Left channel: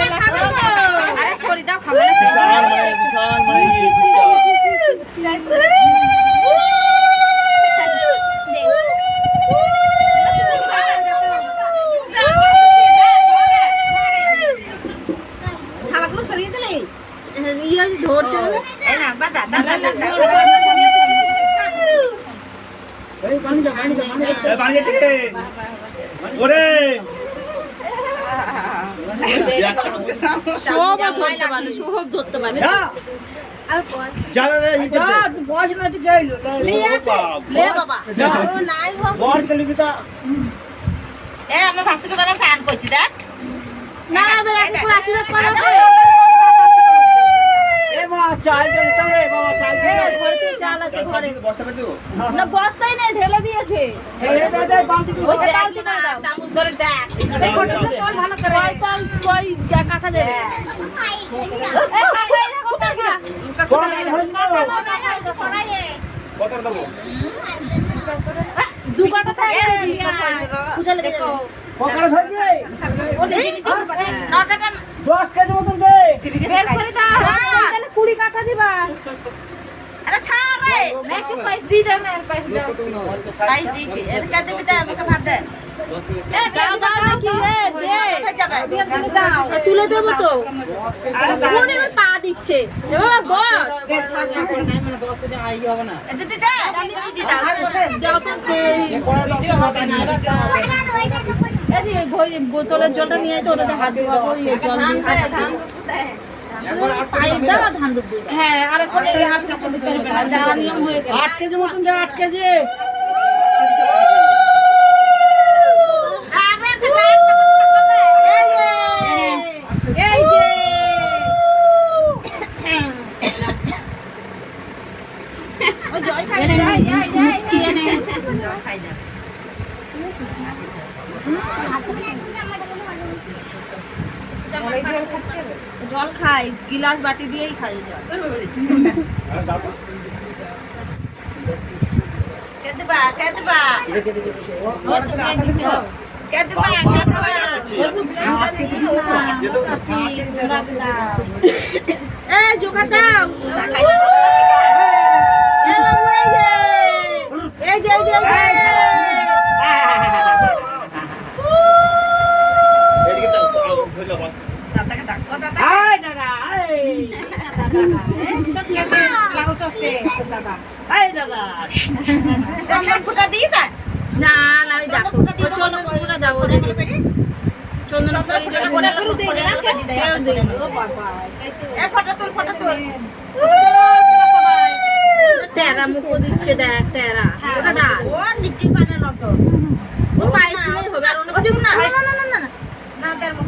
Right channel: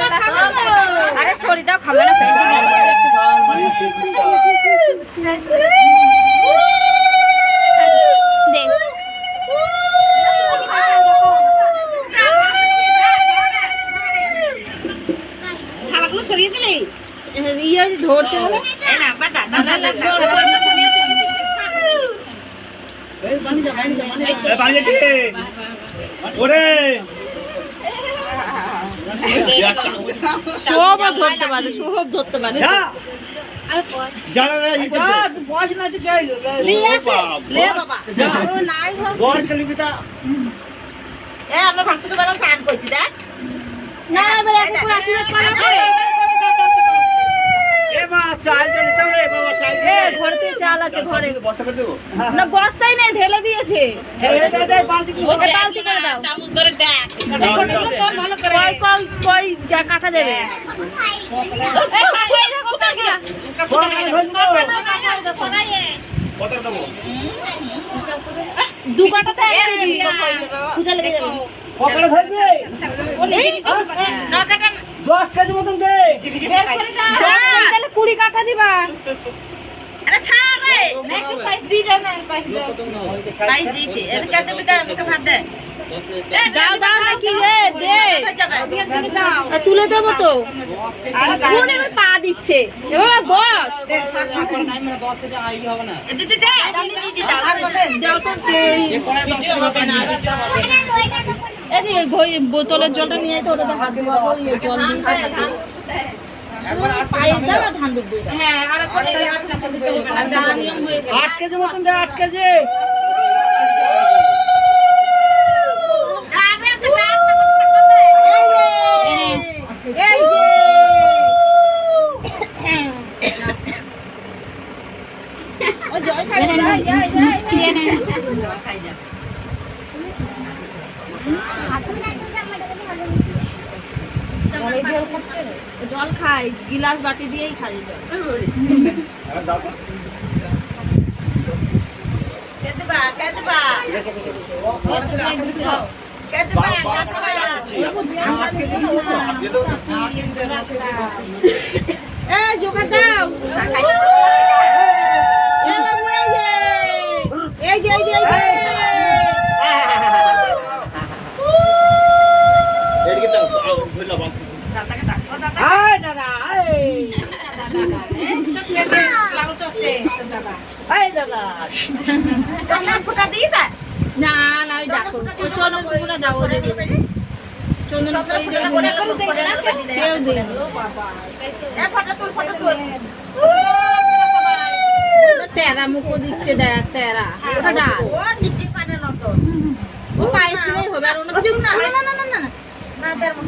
আরে সরি দাও খাবে না থালাগুলো সরিয়ে দিলে ইয়ে ধরছে না বাদা দাদা ওরে সব ধরতে পারে সব ধরতে পারে আমার ভাষাকে বলা চান করছি দেখ না এবার এখন আশীর্বাদ করে ঘরেতে চাল আছে ঘরে না বস্তাই নেই ঢেলে দিয়েছে ওকে বালতি করে দাও চামচ ধরে দেখ ভালো করে কই কই যা কাটা দেবে দু কাটা তাই খুশা লেগে যাবে না কাটা 10 কেজি মতন দে 20 কাঠা দিবা আরে ছাড় রে একটু পাইস দি দাও না পাইস দাও পাইস দিয়েছে এর কাছে বিটা আমাকে ভাত দে দাও দাও নাকি রে দে হয়ে যাবে তুলে দেবো তো কোনে পা দিচ্ছে এবার বস দিদি দে আমি দিদি দাও তো এদিকে বোতলের জলটা নিয়ে তো ওটাতে হাত ধোয়াবো জল দিয়ে পায়েস দাও আর ধান ডুববে হ্যাঁ আর করে দিতে হবে না যা নিয়ম হয়ে গেল 8 কেজি মতন দে 8 কেজি এই যে ও জয় খাই যায় যায় যায় খাই যা জল খাই গিলাস বাটি দিয়েই খাই জল কেতবা কেতবা এ জোগাড় দাও এ বাবু এই যে এই যে এই যে আয় দাদা আয় দাদা চন্দন ফুটা দিয়ে দে না না ওই দেখো চন্দন ফুটা দাও ওরে চন্দন ফুটা করে এ ফটো তুল তেরা মুখো দিচ্ছে দেখ তেরা ওটা ও নিচে পানে নজর ও পায়েস দিলেই হবে আর অন্য কিছু না না না না না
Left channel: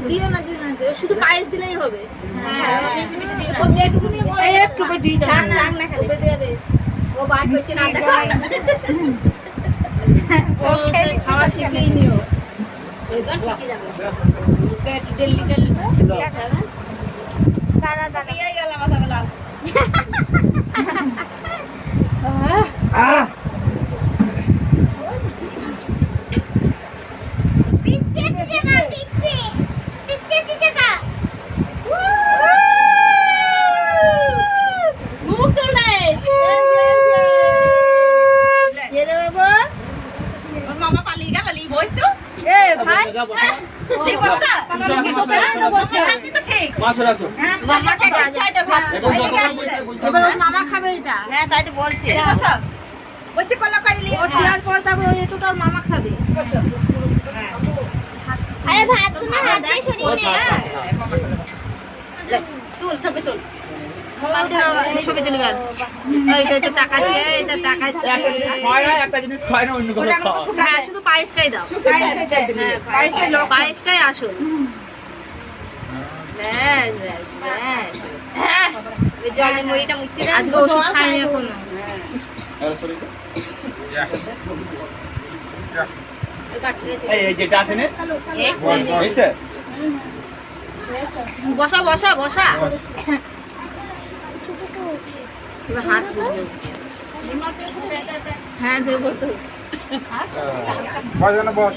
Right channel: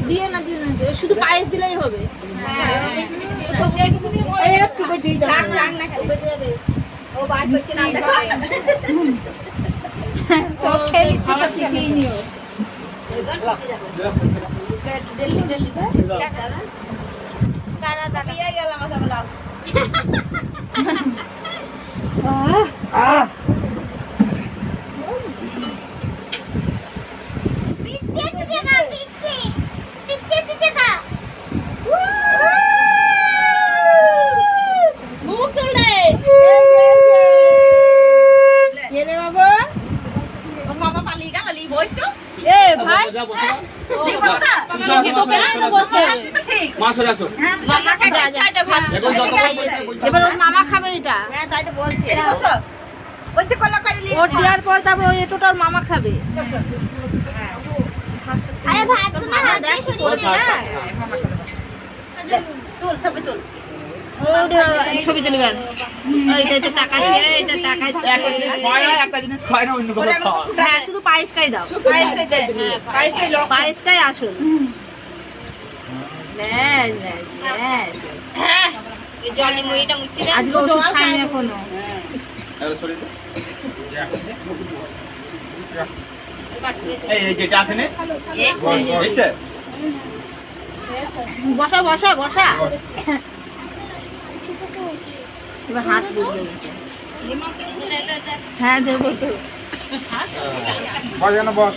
দিও না দিও না শুধু পায়েস দিলেই হবে একটু করে দিয়ে দাও না খালি ও বাই করছে না দেখো ও খাওয়া শিখিয়ে নিও দিল্লি দিল্লি দাঁড়া দাঁড়া পিয়া গেল মাথাগুলা পিচ্ছে দিতে না পিচ্ছে দিতে না মুখ তোলে এলে বাবা ওর মামা পালিয়ে গেল লি বস তো এ ভাই লি বসা বসা তো ঠিক মাসুর আসো মামাকে যা যা ভাত এখন যত এবার ওর মামা খাবে এটা হ্যাঁ তাই তো বলছি বসো বসে কলা পাইলি ওর দেওয়ার পর তারপর ওই এটোটা ওর মামা খাবে আরে ভাত না হাত দিয়ে সরিয়ে নে তুল ছবি তুল ছবি তুলবেন এইটা তো তাকাচ্ছে এটা তাকাচ্ছে একটা জিনিস খায় না অন্য কোনো খাওয়া হ্যাঁ শুধু পায়েসটাই দাও পায়েসটাই আসুন ব্যাস ব্যাস ব্যাস হ্যাঁ ওই জল মুড়িটা মুচ্ছি না আজকে ওষুধ খাইনি এখনো এই যেটা আছে না এসে বসা বসা বসা এবার হাত বুঝবে হ্যাঁ দেবো তো বস না বস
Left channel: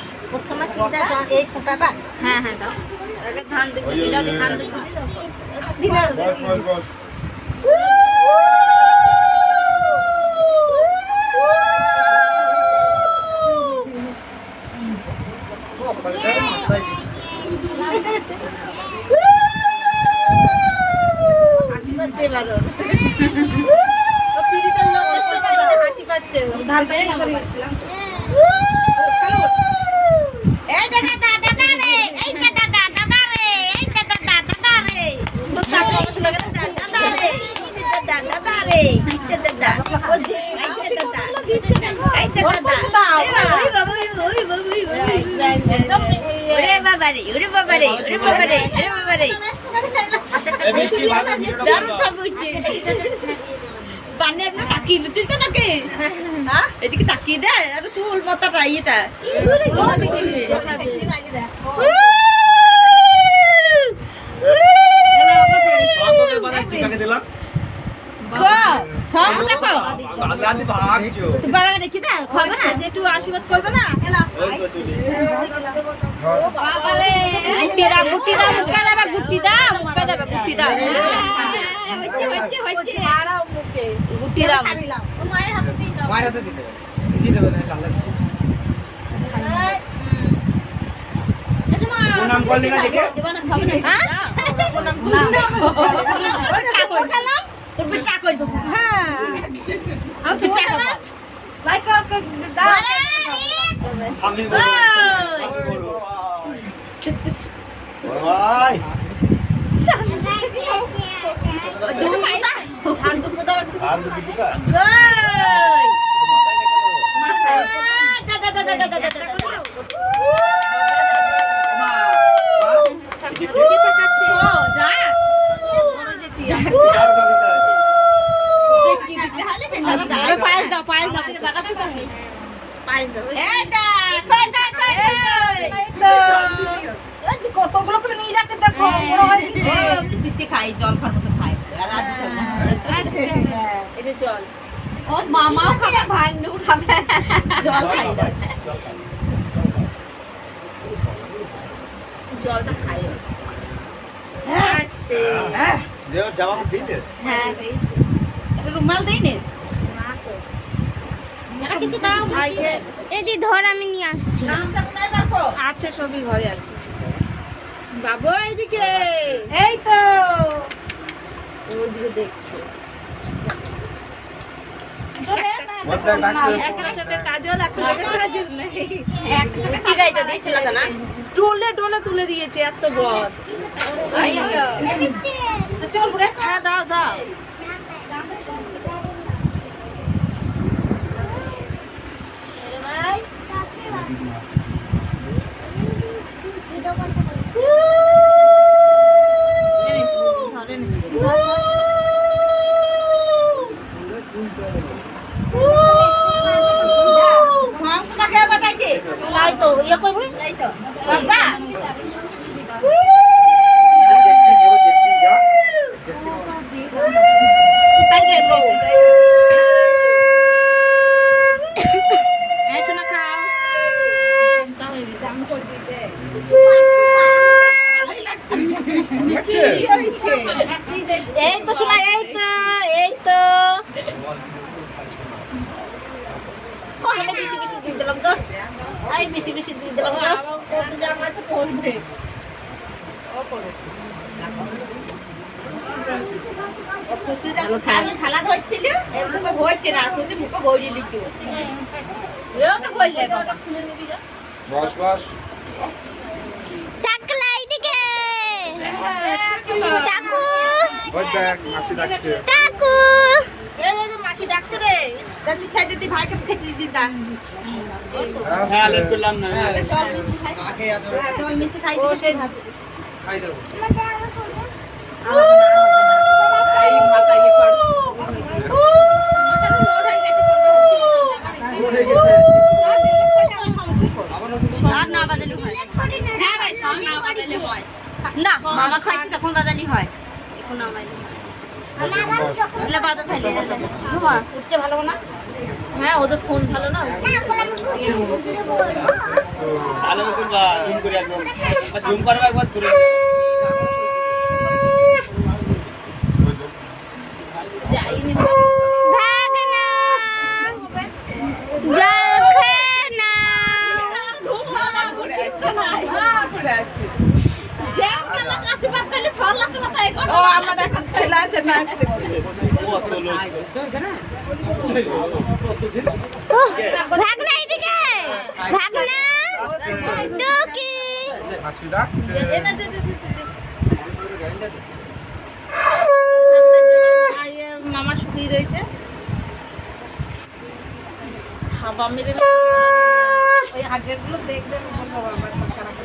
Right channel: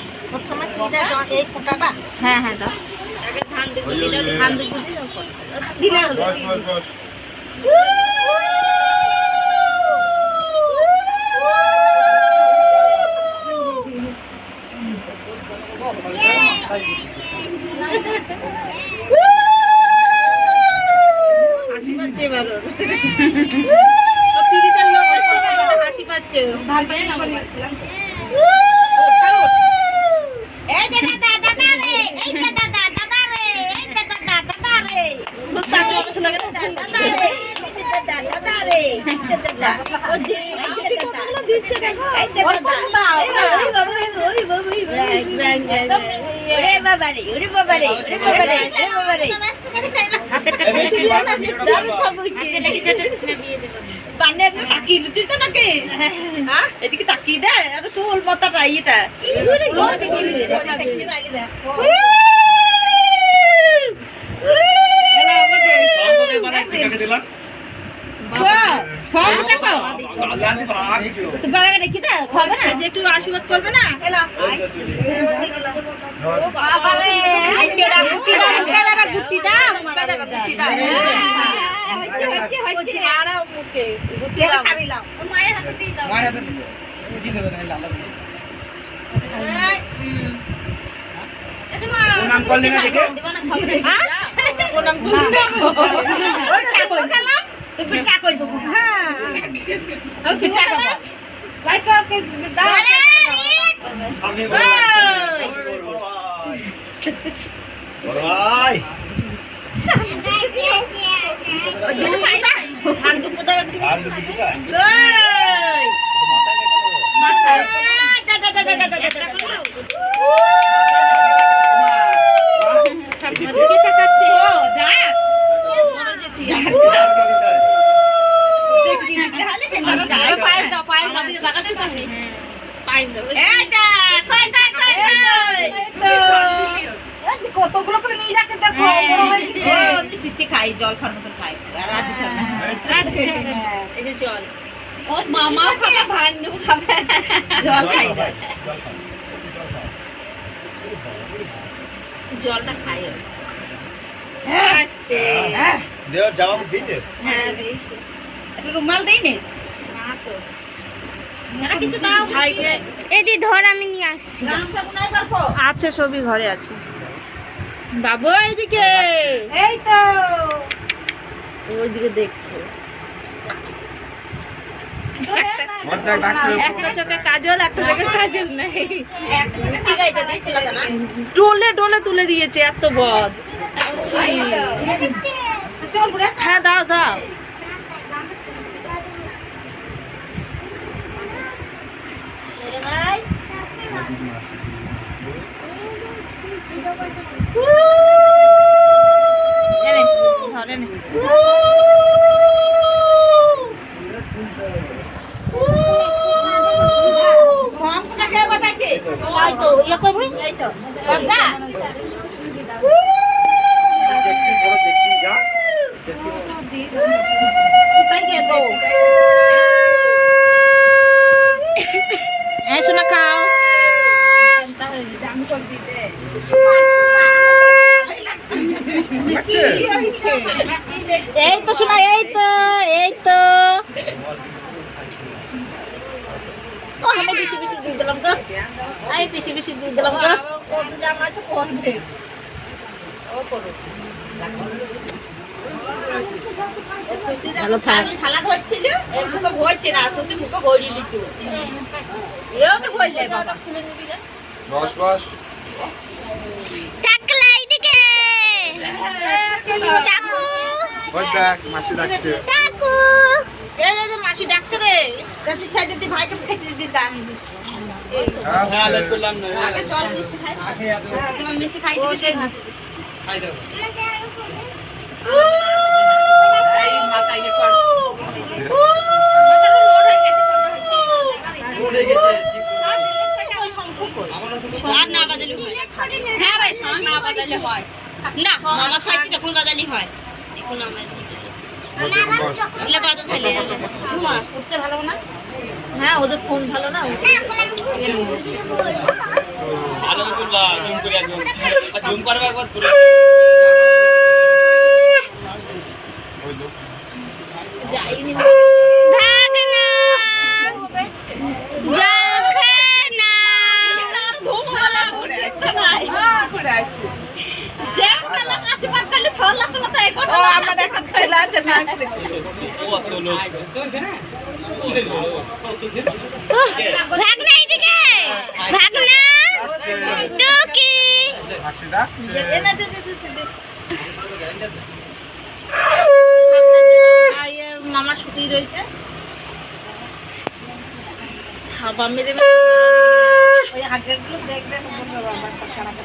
এই ফোঁটাটা হ্যাঁ হ্যাঁ দাও আগে ধান হাসি পাচ্ছে এবার ওর। ও পিড়িতের লোক এসে গেল, হাসি পাচ্ছে ওর। এই দাদা দাদা রে এই দাদা দাদা রে এই দাদা দাদা রে তাকে অবশ্য লাগে না। দাদা রে দাদা রে দাদা ও যে এই দাদা দিচ্ছে কেন? এই দাদা ওরে বাবা রে ওরে বাবা রে ওরে বাবা রে ওরে বাবা রে বেশি দিয়ে না দারু চাবুচি পানের না তাকিয়ে দিছিস তো নাকি হ্যাঁ এদিকে তাকিয়ে দে আরে তোর মাথাটা এটা একটু আশীর্বাদ করবে না? গুটি দাও, গুটি দাও। আরাম মুখে গুটি দাও। প্রণাম করলি না দেখে সামনে ভাই পায়েস দাও, পায়েস দাও, পায়েস দাও। কতগুলো করে নিয়ে যাচ্ছে দেখো বড় হয়ে গেছে খাই জল খাওয়ার মতো খাই আর আর দিতে না। এই যে জল। ও মামাও খাবে ভান্ডু খাবে জল খাই দাও জলটা খাই ও। আস্তে। দেও জবাব দিতে হ্যাঁ দিয়েছি একটু রুমাল দেই নে না কিছু দাও ভাইকে। এদি ধর আমি নিয়ে আসছি আচ্ছা সবই ঘরে আছে বাবু এইদিকে। এই তো ওইদিকে দেখছো। একটা চোখে কাজল, একটা চোখে কাজল নেই। ডোলে ডোলে তুলে দিয়েছে, এত বদ। চল বুড়া হ্যাঁ দাও দাও। তাই তো ইয়ে করবি শোনা খাও এই তো শোনা এই তো ও আমি বেশি বেশি দিয়ে দিলাম তো আমি বেশি বেশি দিয়ে দিলাম তো থালা ধরছিল এর মুখে হয়েছে না খুশি মুখে ভরি লিখো এওকে বলছে বস বস টাকলা এদিকে টাকু ওই দেখ মাসি ডাকছে টাকু এই যে মাসি ডাকছে রে। কাছে খাই দিতে ভাইকে খেতে দিতা হ্যাঁ লেট করলাম না চল মিষ্টি খাই। তোমার মিষ্টি খাই দিবি সেই ভাত। খাই দেব এই মাথা ইয়ে কর মাথাটা লোড হয়ে গেছে, করবে হচ্ছে আর না বাজালে হয়। হ্যাঁ রে, সব না বাজালে হয় না। মামা খাইছি তখন বাজালি হয়, এখন না বাজালে দিলে বাজাতে থাকলে ঘুমা। উঠছে ভালো না হ্যাঁ ওদের ফোন ভালো না। ভালো করবা জুম করে একদম জুম করবা একবার তুলে ও আমার এখন ছেলে আছে না ভাগনা এদিকে ভাগনা টুকি মাসি ডাকছে মামা শুকিয়ে রয়েছে হাবা মেরে ওই আগের গুলো দেখবে আমার খারাপ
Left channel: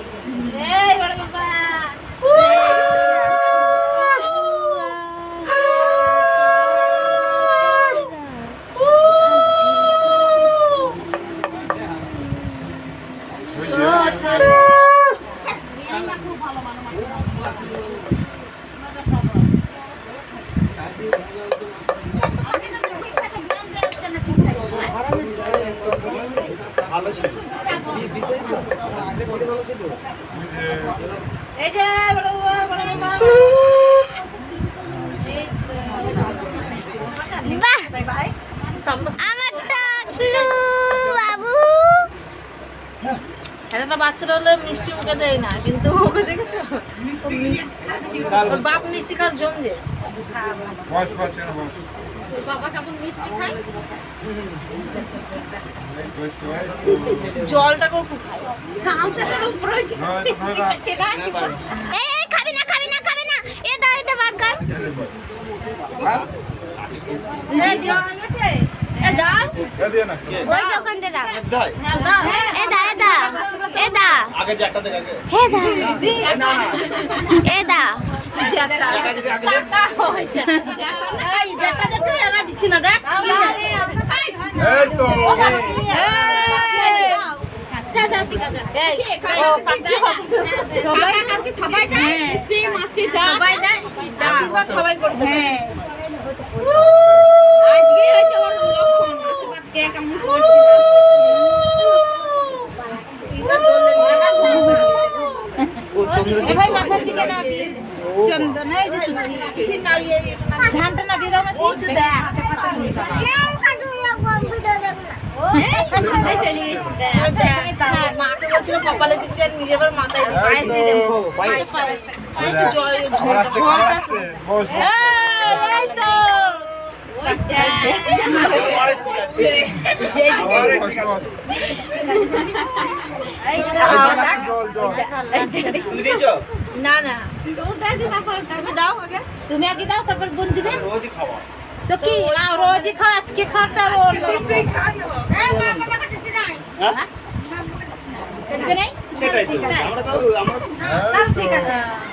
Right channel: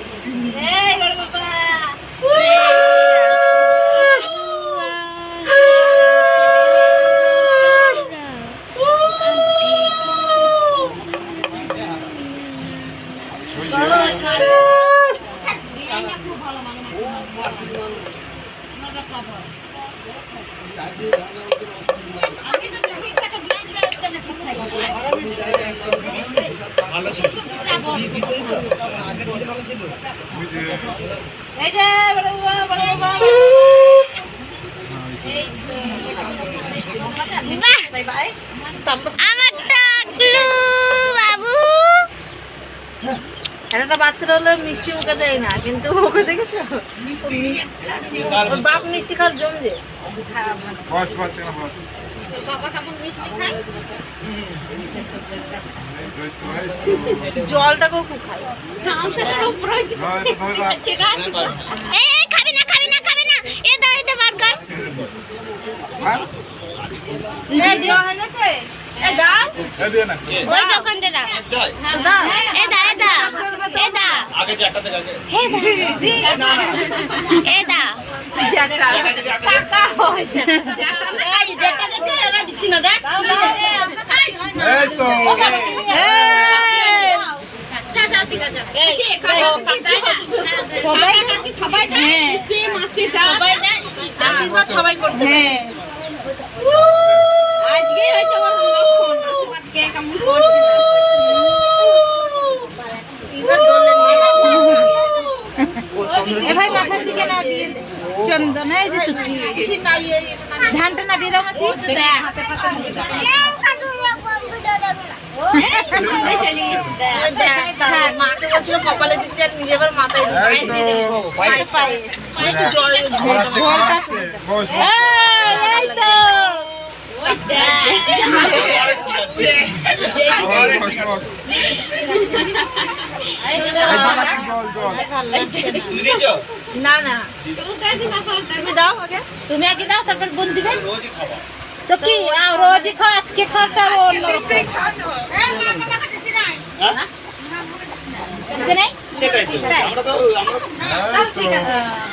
এই বড় বাবা ওই যে এই যে বড় বাবা বাহ বাই বাই আমার টাকলু বাবু একটা বাচ্চারা হলে মিষ্টি মুখে দেয় না কিন্তু ওকে দেখেছো ওর বাপ মিষ্টি খাওয়ার জমছে বস বস কেন বস বাবা কেমন মিষ্টি খায় জলটাকেও খুব খায় সামসাটার উপরে এই খাবি না খাবি না খাবি না এ দাও এটা বার কর এই দেওয়া হয়ে গেছে এই ডাল দিয়ে না ওই দোকানটা রাখ না না এ দা এ দা এ দা আগে চারটা থেকে হে দা এ দা এই তো সবাই দেয় মাসি যা আশীর্বাদ সবাই করে দেবে আজকে হয়েছে ওর লক্ষণ আশীর্বাদ কে কেমন করছে ভাই মাথা দিকে না চন্দন এই যে শুকিয়ে ধানটা না দিয়ে দাও মাসি হাতে পাতা মাকে বলছিল কপালে দিচ্ছে আর নিজে এবার মাথায় এই তো আমার আসছে খাওয়া আসছে বস বস এই তো বস বস এই বানাচ্ছি জল না না তুমি দাও আগে তুমি আগে দাও তারপর বোন দিবে তো কি রোজই খাও আজকে খাওয়াটা এই তো